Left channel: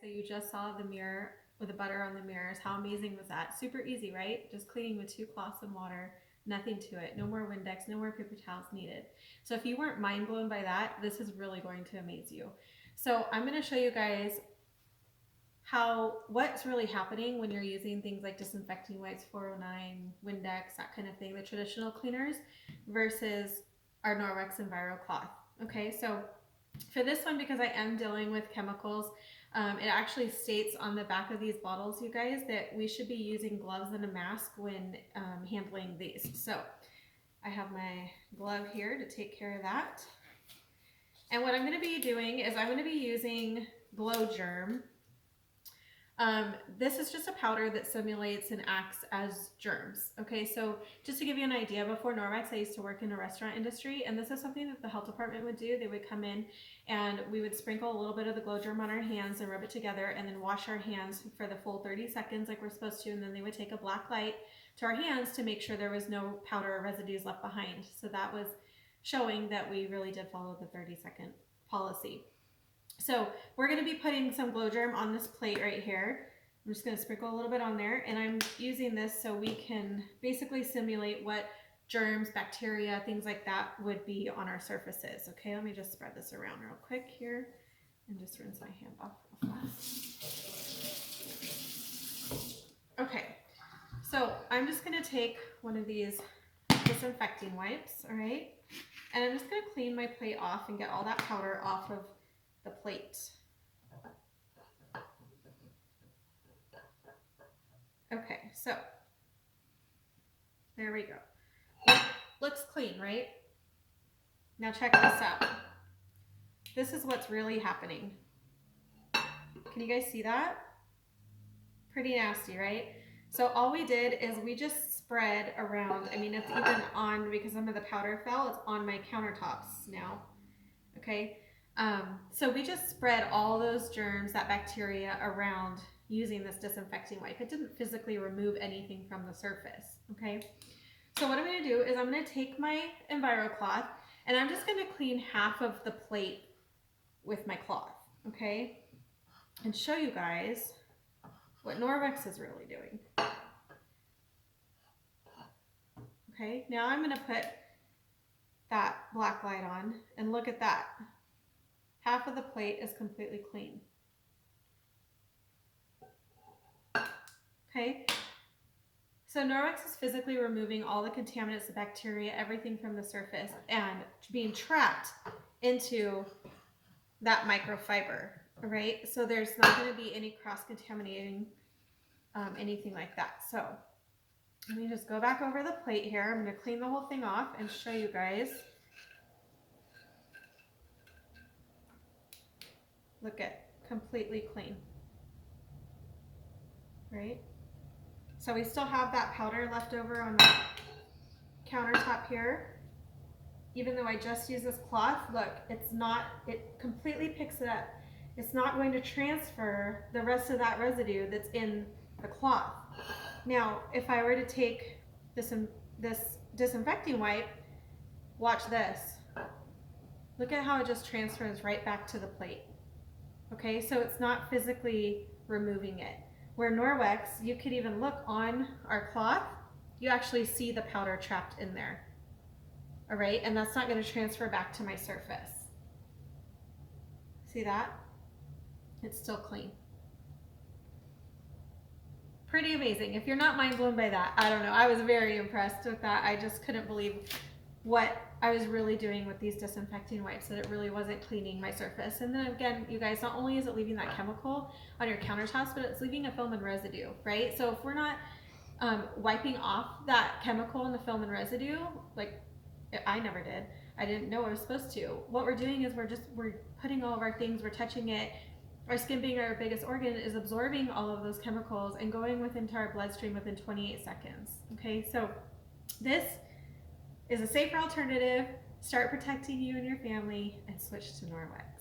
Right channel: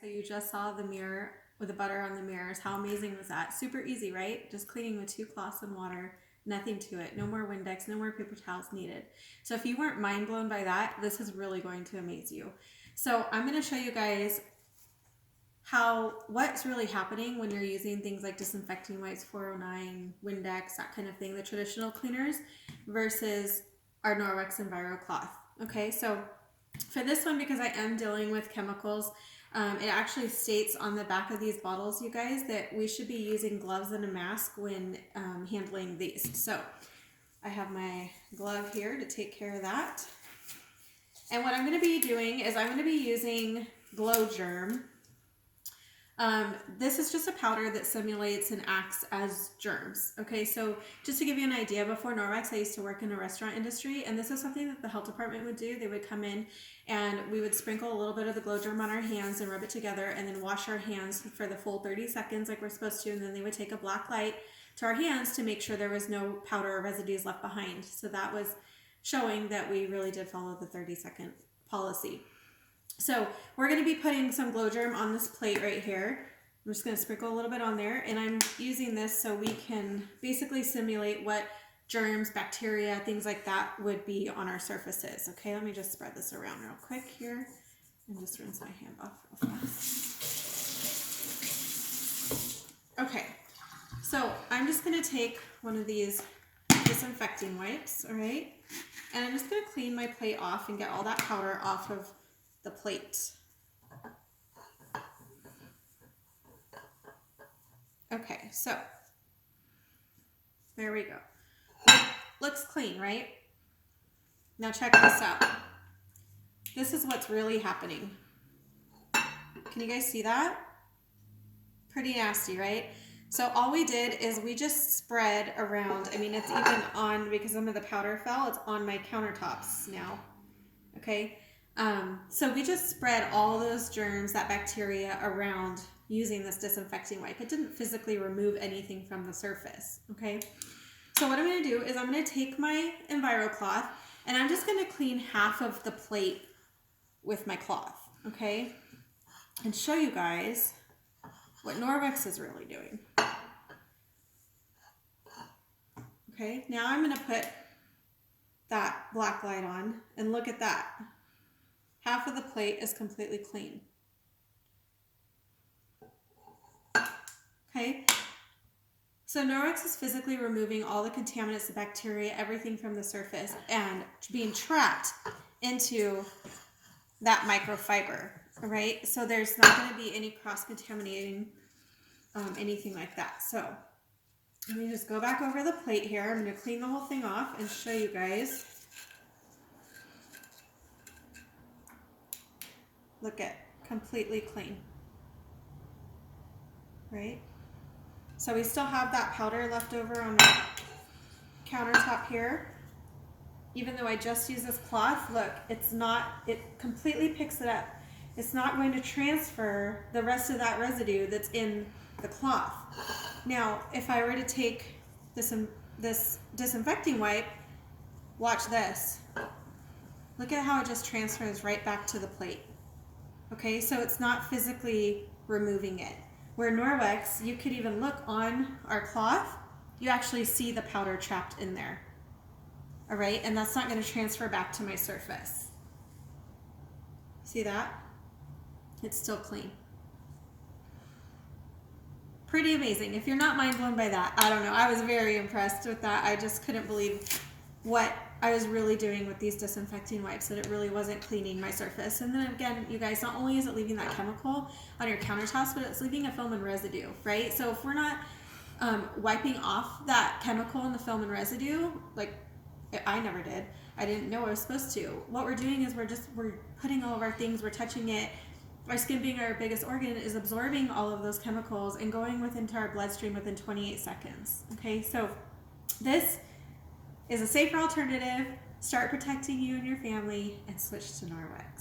So you just saw the mirror with the butter on the mirrors. How amazing was that? Super easy, right? Just cleaning with 2 cloths and water, nothing to it. No more Windex, no more paper towels needed. So if you weren't mind blown by that, this is really going to amaze you. So I'm going to show you guys what's really happening when you're using things like disinfecting wipes, 409, Windex, that kind of thing, the traditional cleaners versus our Norwex Enviro cloth. Okay, so for this one, because I am dealing with chemicals, it actually states on the back of these bottles, you guys, that we should be using gloves and a mask when handling these. So I have my glove here to take care of that. And what I'm going to be doing is I'm going to be using Glow Germ. This is just a powder that simulates and acts as germs. Okay, so just to give you an idea, before Norwex, I used to work in the restaurant industry, and this is something that the health department would do. They would come in and we would sprinkle a little bit of the Glow Germ on our hands and rub it together and then wash our hands for the full 30 seconds like we're supposed to, and then they would take a black light to our hands to make sure there was no powder or residues left behind. So that was showing that we really did follow the 30-second policy. So we're going to be putting some Glow Germ on this plate right here. I'm just going to sprinkle a little bit on there, and I'm using this so we can basically simulate what germs, bacteria, things like that would be on our surfaces. Okay, let me just spread this around real quick here and just rinse my hand off real fast. Okay, so I'm just going to take one of these disinfecting wipes, all right, and I'm just going to clean my plate off and get all that powder off of the plate. Okay, so there we go. Looks clean, right? Now check this out. This is what's really happening. Can you guys see that? Pretty nasty, right? So all we did is we just spread around. I mean, it's even on, because some of the powder fell, it's on my countertops now. Okay, so we just spread all those germs, that bacteria, around using this disinfecting wipe. It didn't physically remove anything from the surface, okay? So what I'm going to do is I'm going to take my Enviro cloth and I'm just going to clean half of the plate with my cloth, okay? And show you guys what Norwex is really doing. Okay, now I'm going to put that black light on and look at that. Half of the plate is completely clean. Okay, so Norwex is physically removing all the contaminants, the bacteria, everything from the surface and being trapped into that microfiber, all right? So there's not going to be any cross-contaminating, anything like that. So let me just go back over the plate here. I'm going to clean the whole thing off and show you guys. Look at, completely clean, right? So we still have that powder left over on the countertop here. Even though I just used this cloth, look, it's not, it completely picks it up. It's not going to transfer the rest of that residue that's in the cloth. Now, if I were to take this disinfecting wipe, watch this. Look at how it just transfers right back to the plate. Okay, so it's not physically removing it. Where Norwex, you could even look on our cloth, you actually see the powder trapped in there. All right, and that's not going to transfer back to my surface. See that? It's still clean. Pretty amazing. If you're not mind blown by that, I don't know. I was very impressed with that. I just couldn't believe what I was really doing with these disinfecting wipes, that it really wasn't cleaning my surface. And then again, you guys, not only is it leaving that chemical on your countertops, but it's leaving a film and residue, right? So if we're not wiping off that chemical and the film and residue, like I never did, I didn't know I was supposed to. What we're doing is we're putting all of our things, we're touching it. Our skin, being our biggest organ, is absorbing all of those chemicals and going into our bloodstream within 28 seconds. Okay, so this is a safer alternative. Start protecting you and your family and switch to Norwex.